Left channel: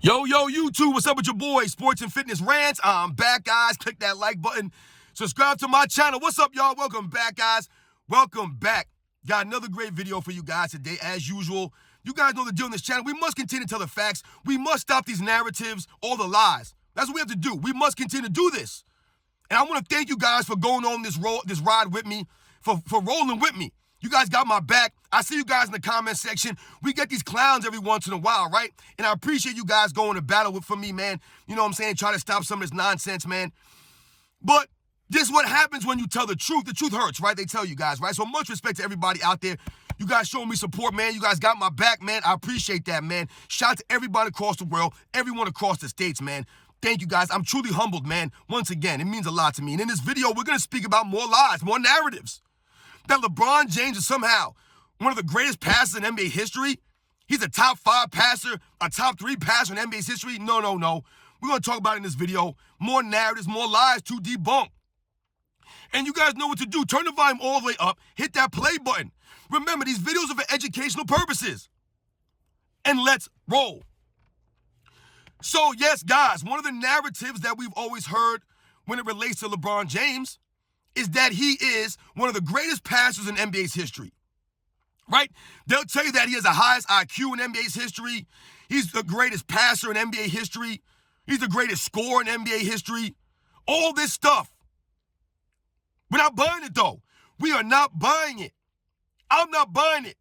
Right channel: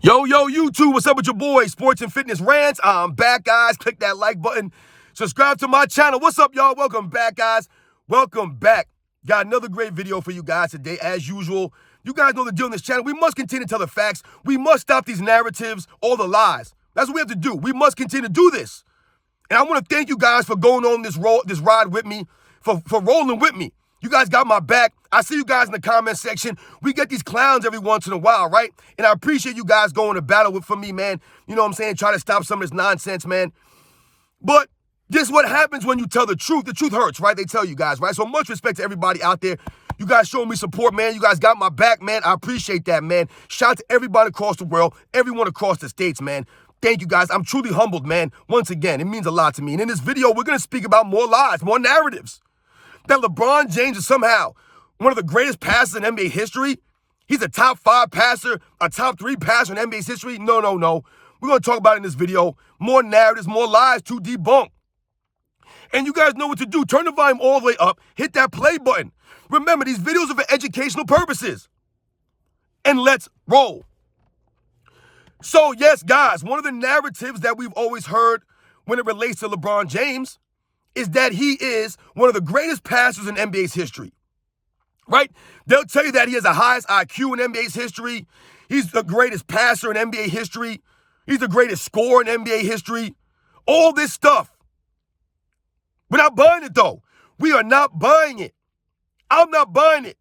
Yo, YouTube, what's up with your boy? Sports and Fitness Rants. I'm back, guys. Click that like button. Subscribe to my channel. What's up, y'all? Welcome back, guys. Welcome back. Got another great video for you guys today, as usual. You guys know the deal on this channel. We must continue to tell the facts. We must stop these narratives, all the lies. That's what we have to do. We must continue to do this. And I want to thank you guys for going on this ride with me, for rolling with me. You guys got my back. I see you guys in the comment section. We get these clowns every once in a while, right? And I appreciate you guys going to battle for me, man. You know what I'm saying? Try to stop some of this nonsense, man. But this is what happens when you tell the truth. The truth hurts, right? They tell you guys, right? So much respect to everybody out there. You guys showing me support, man. You guys got my back, man. I appreciate that, man. Shout out to everybody across the world, everyone across the states, man. Thank you, guys. I'm truly humbled, man. Once again, it means a lot to me. And in this video, we're going to speak about more lies, more narratives. That LeBron James is somehow one of the greatest passers in NBA history. He's a top 5 passer, a top 3 passer in NBA's history. No. We're going to talk about it in this video. More narratives, more lies to debunk. And you guys know what to do. Turn the volume all the way up. Hit that play button. Remember, these videos are for educational purposes. And let's roll. So, yes, guys, one of the narratives that we've always heard when it relates to LeBron James is that he is one of the greatest passers in NBA's history, right? They'll tell you that he has the highest IQ in NBA's history. He's the greatest passer in NBA history. He's the greatest scorer in NBA history. All this stuff. We're not buying it, though. We are not buying it. I'm not buying it.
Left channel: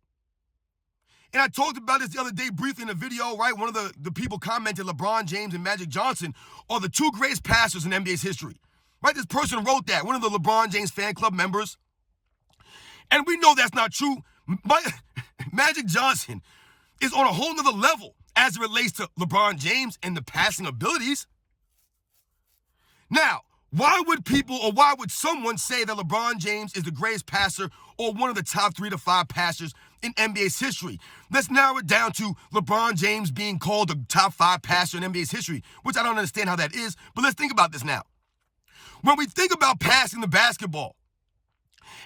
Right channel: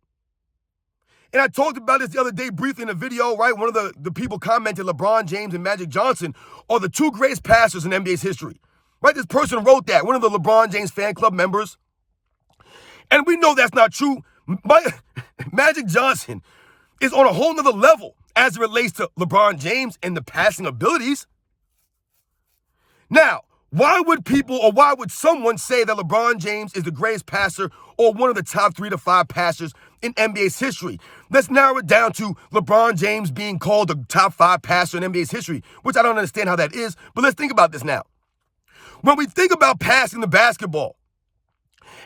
And I talked about this the other day briefly in a video, right? One of the people commented LeBron James and Magic Johnson are the 2 greatest passers in NBA's history. Right? This person wrote that, one of the LeBron James fan club members. And we know that's not true. Magic Johnson is on a whole nother level as it relates to LeBron James and the passing abilities. Now, why would someone say that LeBron James is the greatest passer or one of the top 3 to 5 passers in NBA's history? Let's narrow it down to LeBron James being called the top 5 passer in NBA's history, which I don't understand how that is, but let's think about this now. When we think about passing the basketball,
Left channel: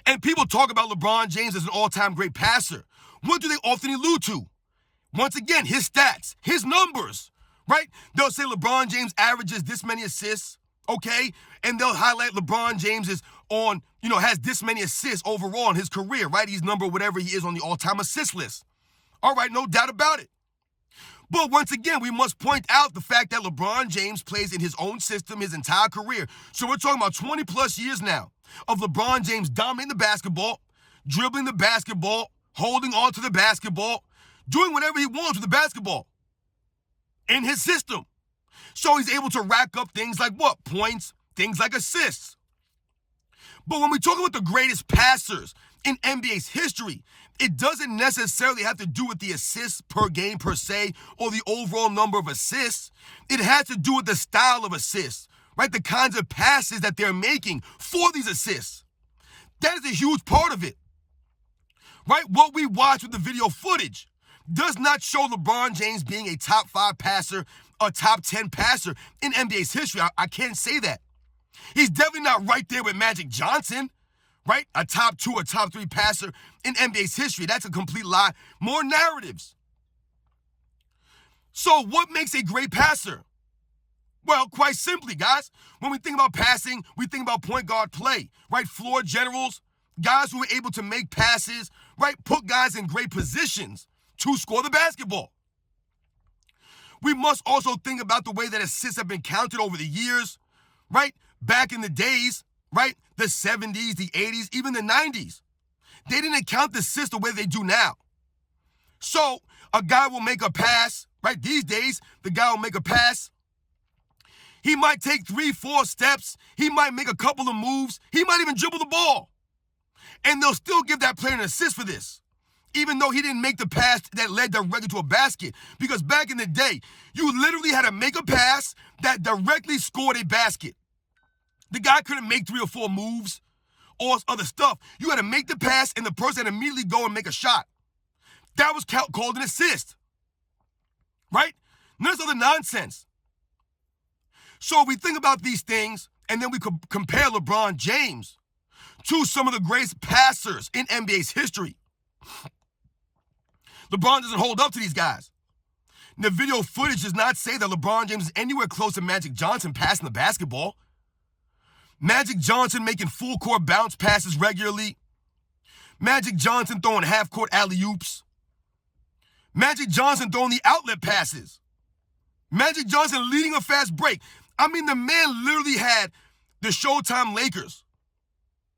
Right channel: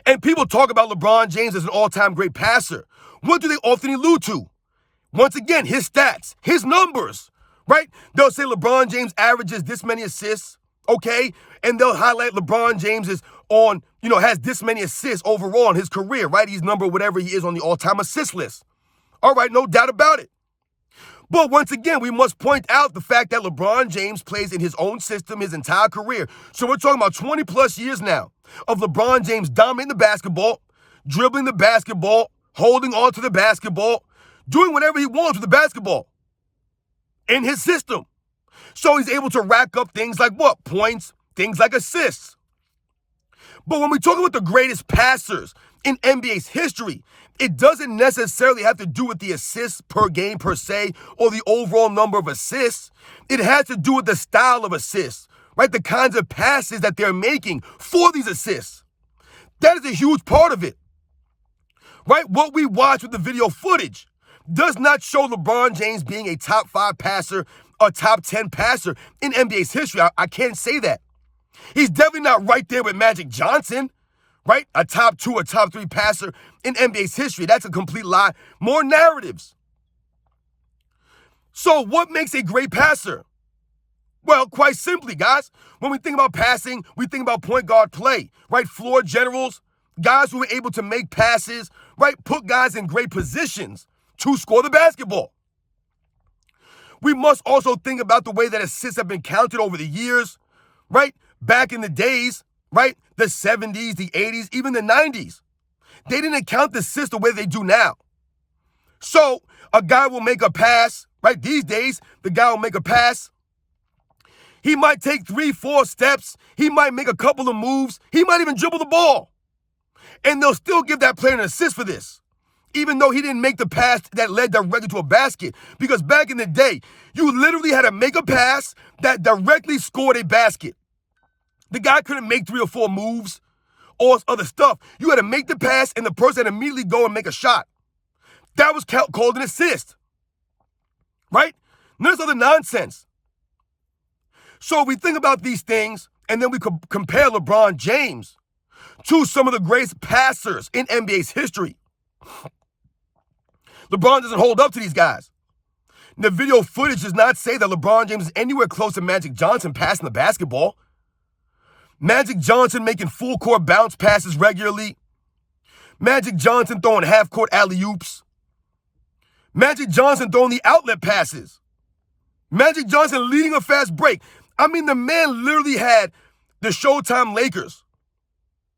and people talk about LeBron James as an all-time great passer, what do they often allude to? Once again, his stats, his numbers, right? They'll say LeBron James averages this many assists, okay? And they'll highlight LeBron James is has this many assists overall in his career, right? He's number whatever he is on the all-time assist list. All right, no doubt about it. But once again, we must point out the fact that LeBron James plays in his own system his entire career. So we're talking about 20 plus years now of LeBron James dominating the basketball, dribbling the basketball, holding on to the basketball, doing whatever he wants with the basketball in his system. So he's able to rack up things like what? Points, things like assists. But when we talk about the greatest passers in NBA's history, it doesn't necessarily have to do with the assists per game per se or the overall number of assists. It has to do with the style of assists, right? The kinds of passes that they're making for these assists. That is a huge part of it, right? What we watch with the video footage does not show LeBron James being a top 5 passer, a top 10 passer in NBA's history. I can't say that. He's definitely not right there with Magic Johnson, right? A top 2 or top 3 passer in NBA's history. That's a complete lie. More narratives. So what makes a great passer? Well, quite simply, guys, when we think about passing, we think about point guard play, right? Floor generals, guys who are able to make passes, right? Put guys in great positions to score the basketball. We must also think about the way that assists have been counted over the years, right? Back in the days, right? The 70s, the 80s, even the 90s. They didn't count the assists the way they do now. So a guy will make a pass, right? These days, the guy will make a pass. He might take 3-4 steps. He might make a couple of moves. He might even dribble the ball. And they'll still give that player an assist for this, even though he didn't make the pass that led directly to a basket. Because back in the day, you literally had to make a pass that directly scored a basket. The guy couldn't make 3 or 4 moves or other stuff. You had to make the pass, and the person had to immediately go and make a shot. That was called an assist, right? None of this other nonsense. So we think about these things, and then we compare LeBron James to some of the greatest passers in NBA's history. LeBron doesn't hold up to these guys. The video footage does not say that LeBron James is anywhere close to Magic Johnson passing the basketball. Magic Johnson making full court bounce passes regularly. Magic Johnson throwing half court alley-oops. Magic Johnson throwing the outlet passes. Magic Johnson leading a fast break. I mean, the man literally had the Showtime Lakers.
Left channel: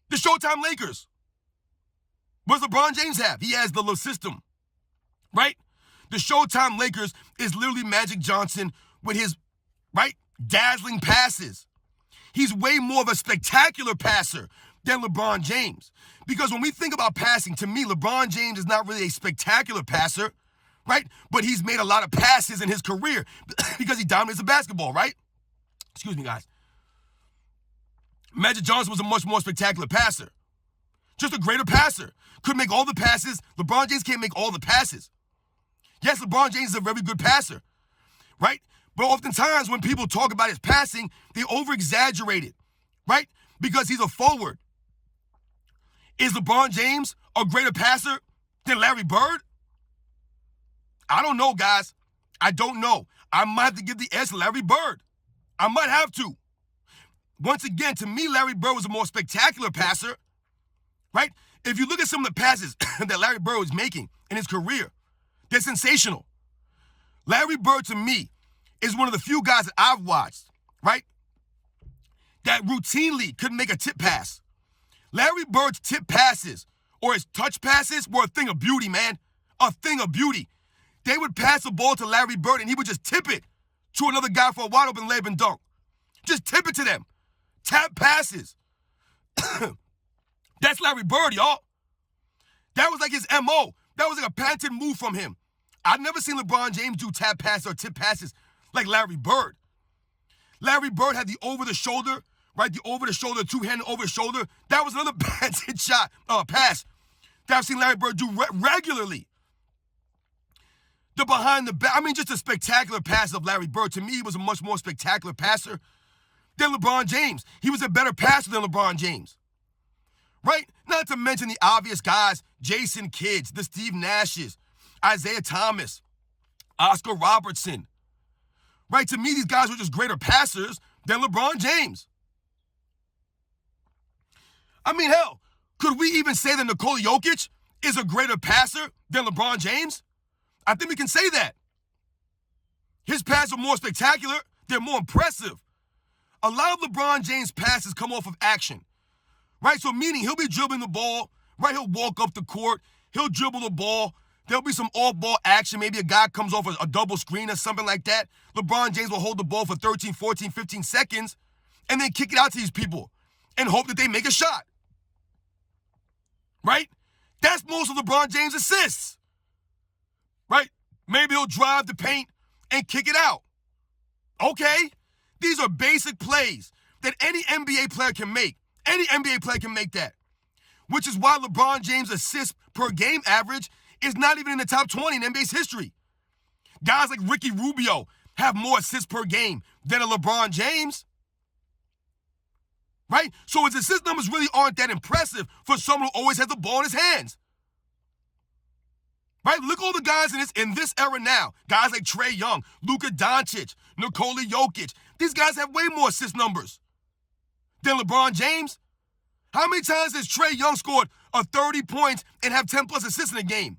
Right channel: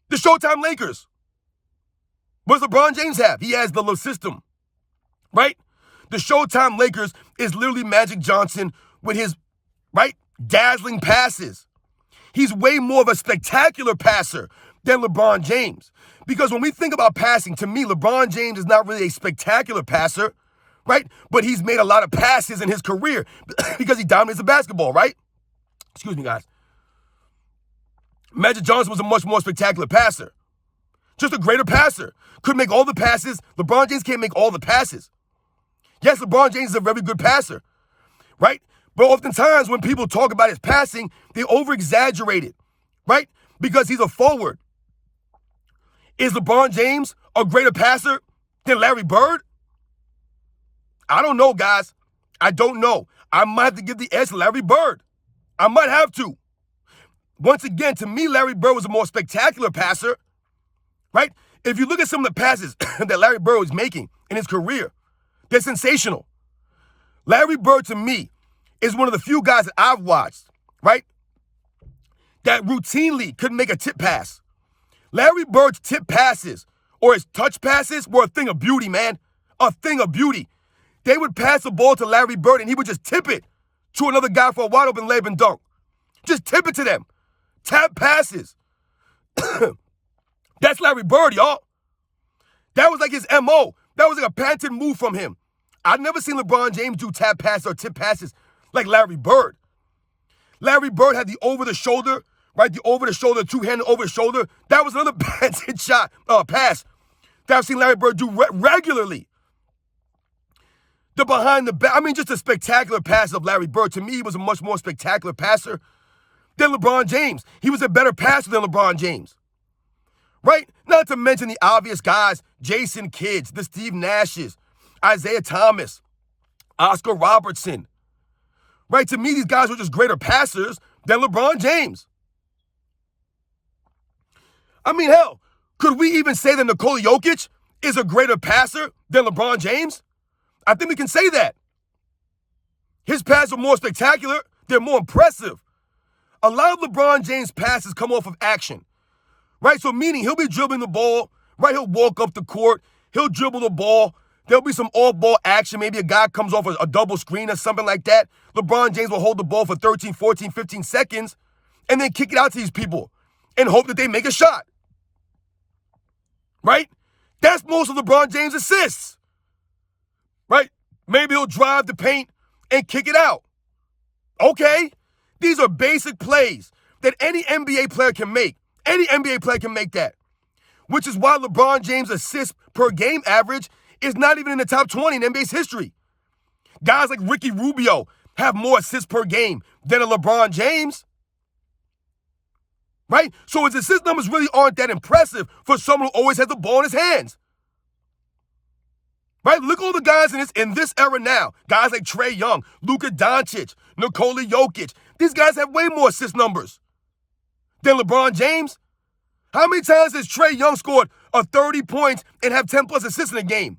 The Showtime Lakers. What does LeBron James have? He has the little system, right? The Showtime Lakers is literally Magic Johnson with his, right, dazzling passes. He's way more of a spectacular passer than LeBron James. Because when we think about passing, to me, LeBron James is not really a spectacular passer, right? But he's made a lot of passes in his career because he dominates the basketball, right? Excuse me, guys. Magic Johnson was a much more spectacular passer. Just a greater passer. Could make all the passes. LeBron James can't make all the passes. Yes, LeBron James is a very good passer, right? But oftentimes when people talk about his passing, they over-exaggerate it, right? Because he's a forward. Is LeBron James a greater passer than Larry Bird? I don't know, guys. I don't know. I might have to give the edge to Larry Bird. I might have to. Once again, to me, Larry Bird was a more spectacular passer, right? If you look at some of the passes that Larry Bird was making in his career, they're sensational. Larry Bird, to me, is one of the few guys that I've watched, right, that routinely could make a tip pass. Larry Bird's tip passes or his touch passes were a thing of beauty, man. A thing of beauty. They would pass the ball to Larry Bird and he would just tip it to another guy for a wide open layup and dunk. Just tip it to them. Tap passes. That's Larry Bird, y'all. That was like his MO. That was like a patented move from him. I've never seen LeBron James do tap passes or tip passes like Larry Bird. Larry Bird had the over-the-shoulder, right? The over-the-shoulder, two-handed over-the-shoulder. That was another patented pass that I've seen Larry Bird do regularly. The behind the back, I mean, just a spectacular pass of Larry Bird. To me, he was a much more spectacular passer than LeBron James. He was a better passer than LeBron James, right? Not to mention the obvious guys, Jason Kidds, the Steve Nashes, Isaiah Thomas, Oscar Robertson, right? To me, these guys were just greater passers than LeBron James. I mean, hell, could we even say that Nikola Jokic is a greater passer than LeBron James? I think we can say that. His passes are more spectacular. They're more impressive. A lot of LeBron James' passes come off of action, right? So meaning he'll be dribbling the ball, right? He'll walk up the court. He'll dribble the ball. There'll be some off-ball action. Maybe a guy comes off a double screen or something like that. LeBron James will hold the ball for 13, 14, 15 seconds and then kick it out to these people and hope that they make a shot, right? That's most of LeBron James' assists, right? Maybe he'll drive the paint and kick it out. Okay, these are basic plays that any NBA player can make. Any NBA player can make that, which is why LeBron James' assists per game average is not even in the top 20 in NBA's history. Guys like Ricky Rubio have more assists per game than a LeBron James, right? So his assist numbers really aren't that impressive for someone who always has the ball in his hands, right? Look at all the guys in this era now. Guys like Trae Young, Luka Doncic, Nikola Jokic. These guys have way more assist numbers than LeBron James. How many times has Trae Young scored 30 points and have 10-plus assists in a game?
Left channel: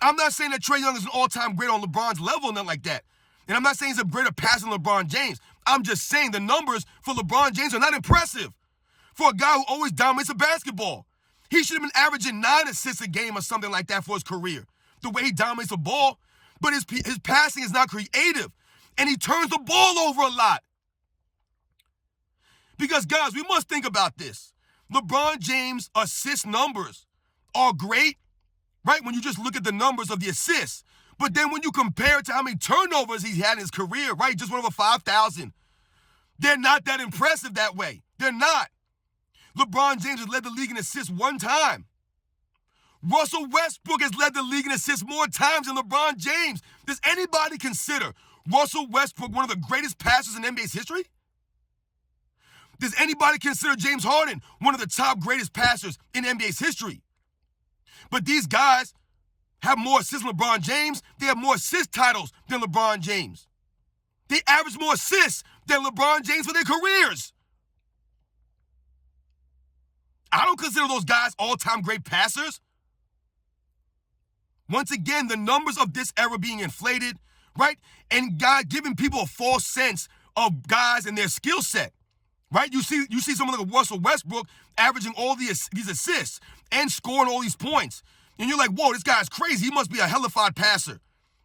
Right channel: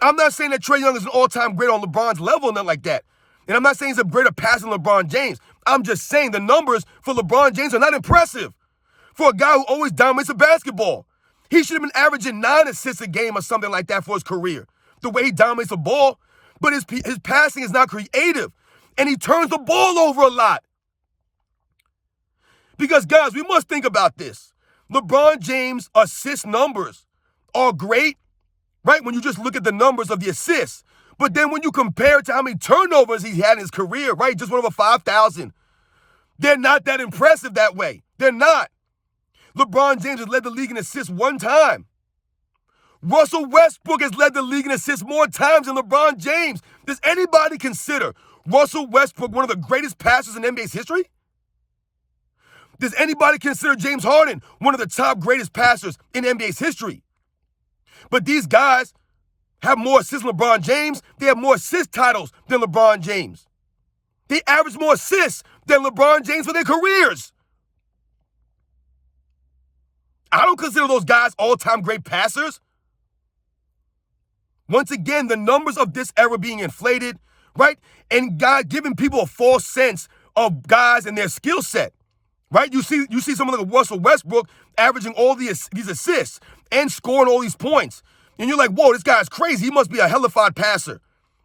I'm not saying that Trae Young is an all-time great on LeBron's level, nothing like that. And I'm not saying he's a greater passer than LeBron James. I'm just saying the numbers for LeBron James are not impressive for a guy who always dominates the basketball. He should have been averaging 9 assists a game or something like that for his career, the way he dominates the ball. But his passing is not creative, and he turns the ball over a lot. Because, guys, we must think about this. LeBron James' assist numbers are great, right, when you just look at the numbers of the assists. But then when you compare it to how many turnovers he's had in his career, right, just went over 5,000, they're not that impressive that way. They're not. LeBron James has led the league in assists one time. Russell Westbrook has led the league in assists more times than LeBron James. Does anybody consider Russell Westbrook one of the greatest passers in NBA's history? Does anybody consider James Harden one of the top greatest passers in NBA's history? But these guys, have more assists than LeBron James. They have more assist titles than LeBron James. They average more assists than LeBron James for their careers. I don't consider those guys all-time great passers. Once again, the numbers of this era being inflated, right? And God giving people a false sense of guys and their skill set, right? You see someone like Russell Westbrook averaging all these assists and scoring all these points. And you're like, whoa, this guy's crazy. He must be a hellified passer.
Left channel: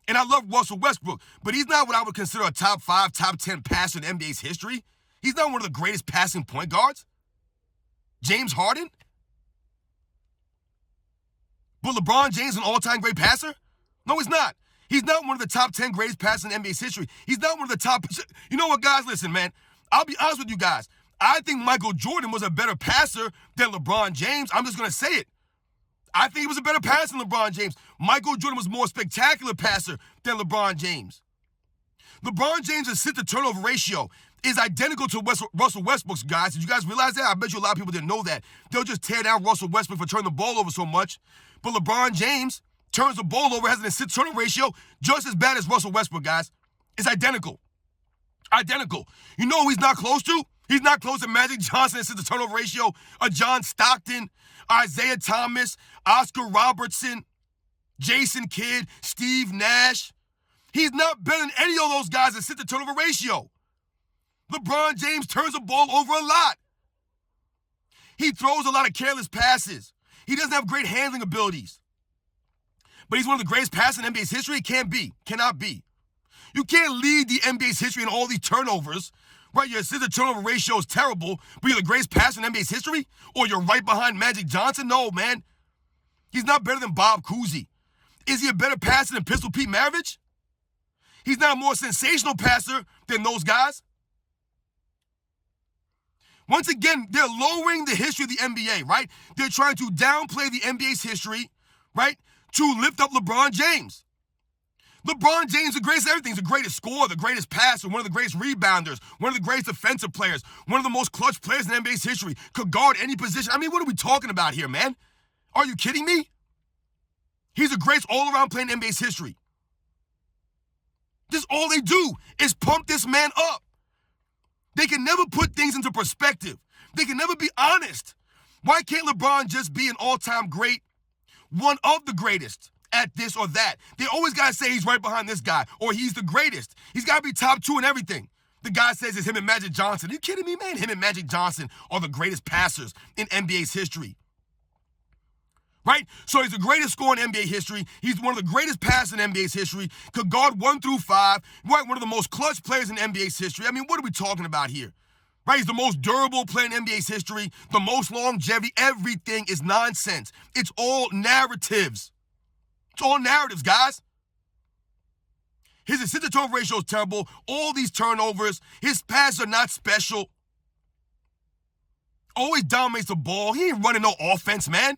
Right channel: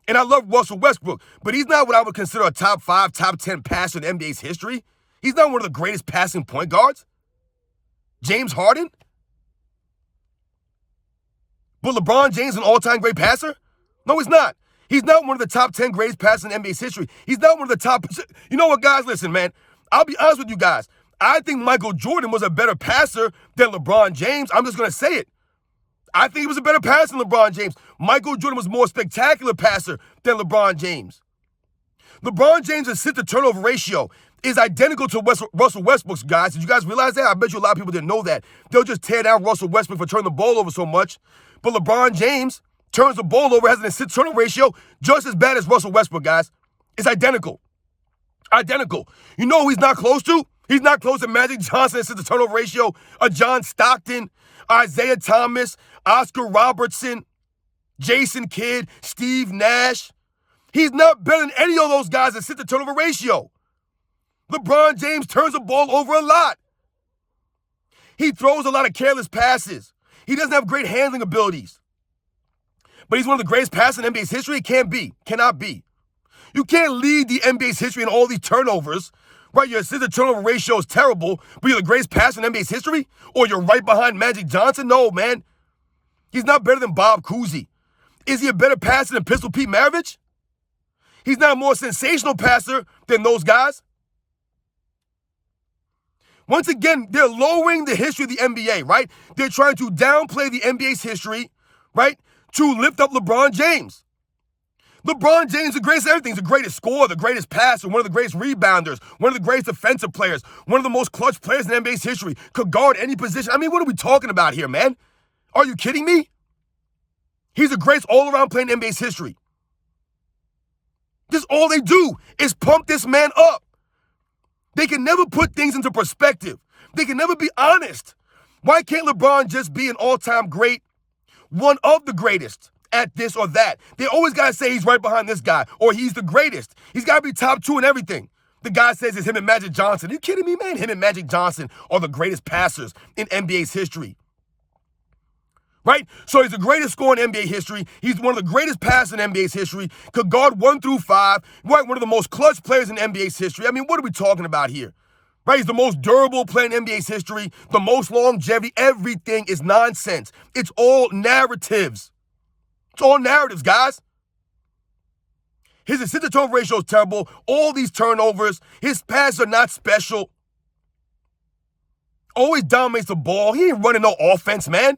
And I love Russell Westbrook, but he's not what I would consider a top 5, top 10 passer in NBA's history. He's not one of the greatest passing point guards. James Harden? But LeBron James an all-time great passer? No, he's not. He's not one of the top 10 greatest passers in NBA's history. He's not one of the top... You know what, guys? Listen, man. I'll be honest with you guys. I think Michael Jordan was a better passer than LeBron James. I'm just going to say it. I think he was a better passer than LeBron James. Michael Jordan was a more spectacular passer than LeBron James. LeBron James' assist-to-turnover ratio is identical to Russell Westbrook's, guys. Did you guys realize that? I bet you a lot of people didn't know that. They'll just tear down Russell Westbrook for turning the ball over so much. But LeBron James turns the ball over, has an assist-to-turnover ratio just as bad as Russell Westbrook, guys. It's identical. Identical. You know who he's not close to? He's not close to Magic Johnson assist-to-turnover ratio, John Stockton, Isaiah Thomas, Oscar Robertson, Jason Kidd, Steve Nash. He's not better than any of those guys assist-to-turnover ratio. LeBron James turns the ball over a lot. He throws a lot of careless passes. He doesn't have great handling abilities. But he's one of the greatest passers in NBA's history? Can't be. Cannot be. You can't lead the NBA's history in all these turnovers, right? Your assist-to-turnover ratio is terrible, but you're the greatest passer in NBA's history? Or you're right behind Magic Johnson? No, man. He's not better than Bob Cousy. Is he a better passer than Pistol Pete Maravich? He's not a more sensational passer than those guys. Once again, they're lowering the history of the NBA, right? They're trying to downplay the NBA's history, right, to lift up LeBron James. LeBron James is the greatest everything. He's the greatest scorer, the greatest passer, one of the greatest rebounders, one of the greatest defensive players, one of the most clutch players in NBA's history, could guard any position. I mean, what are we talking about here, man? Are you kidding me? He's the greatest all-around player in NBA's history. This all they do is pump this man up. They can never put things into perspective. They can never be honest. Why can't LeBron just be an all-time great, one of the greatest at this or that? They always got to say he's right behind this guy or he's the greatest. He's got to be top 2 in everything. The guy says it's him and Magic Johnson. Are you kidding me, man? Him and Magic Johnson are the greatest passers in NBA's history. Right? So he's the greatest scorer in NBA history. He's one of the greatest passers in NBA's history. Could guard 1 through 5. Right? One of the most clutch players in NBA's history. I mean, what are we talking about here? Right? He's the most durable player in NBA's history. The most longevity. Everything is nonsense. It's all narratives. It's all narratives, guys. His assist-to-turnover ratio is terrible. All these turnovers. His passes are not special. Always dominates the ball. He ain't running no offense, man.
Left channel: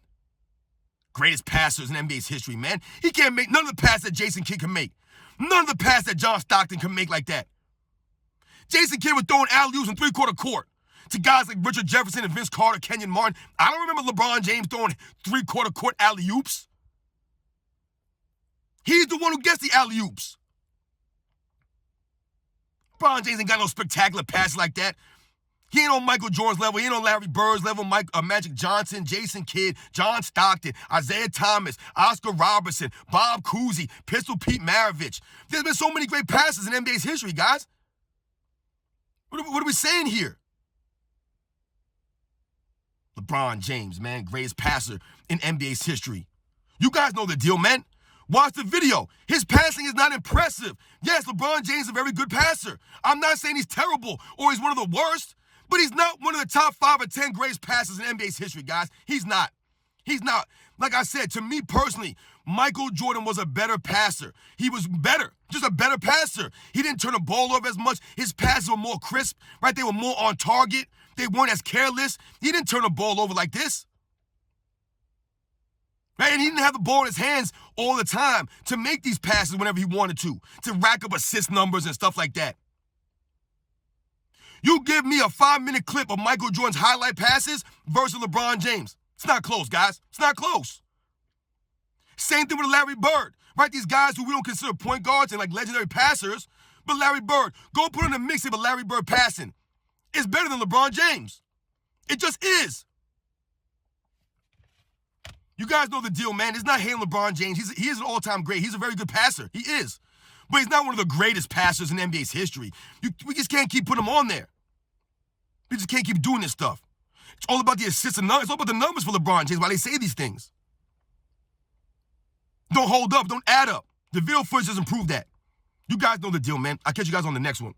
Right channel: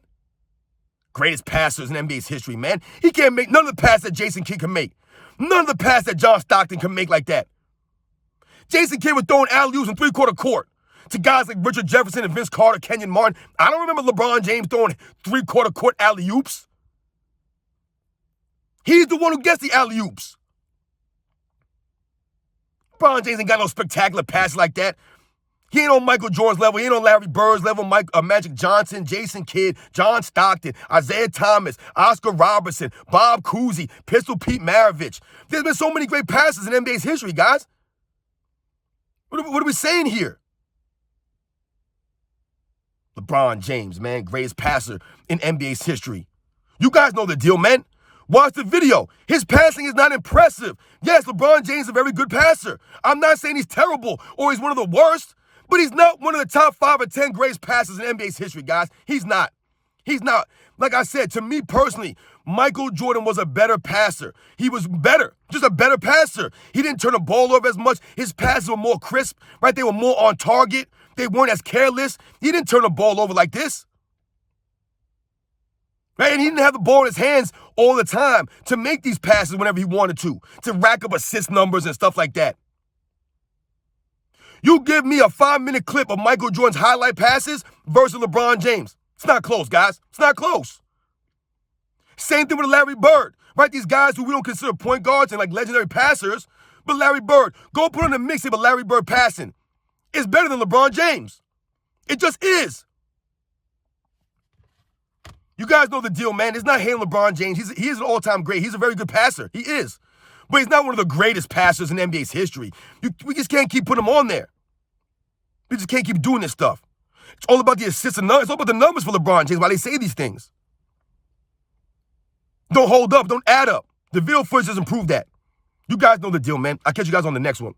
Greatest passers in NBA's history, man. He can't make none of the passes that Jason Kidd can make. None of the passes that John Stockton can make like that. Jason Kidd was throwing alley-oops in three-quarter court to guys like Richard Jefferson and Vince Carter, Kenyon Martin. I don't remember LeBron James throwing three-quarter court alley-oops. He's the one who gets the alley-oops. LeBron James ain't got no spectacular passes like that. He ain't on Michael Jordan's level. He ain't on Larry Bird's level, Magic Johnson, Jason Kidd, John Stockton, Isaiah Thomas, Oscar Robertson, Bob Cousy, Pistol Pete Maravich. There's been so many great passes in NBA's history, guys. What are we saying here? LeBron James, man, greatest passer in NBA's history. You guys know the deal, man. Watch the video. His passing is not impressive. Yes, LeBron James is a very good passer. I'm not saying he's terrible or he's one of the worst. But he's not one of the top 5 or 10 greatest passers in NBA's history, guys. He's not. He's not. Like I said, to me personally, Michael Jordan was a better passer. He was better, just a better passer. He didn't turn the ball over as much. His passes were more crisp, right? They were more on target. They weren't as careless. He didn't turn the ball over like this. Right? And he didn't have the ball in his hands all the time to make these passes whenever he wanted to rack up assist numbers and stuff like that. You give me a 5-minute clip of Michael Jordan's highlight passes versus LeBron James. It's not close, guys. It's not close. Same thing with Larry Bird, right? These guys who we don't consider point guards and like legendary passers, but Larry Bird, go put on a mixtape of Larry Bird passing. It's better than LeBron James. It just is. You guys know the deal, man. It's not hating LeBron James. He is an all-time great. He's a very good passer. He is. But he's not one of the greatest passers in NBA's history. We just can't keep putting him on there. We just can't keep doing this stuff. It's all about the assists and numbers. It's all about the numbers for LeBron James while they say these things. Don't hold up. Don't add up. The video footage doesn't prove that. You guys know the deal, man. I'll catch you guys on the next one.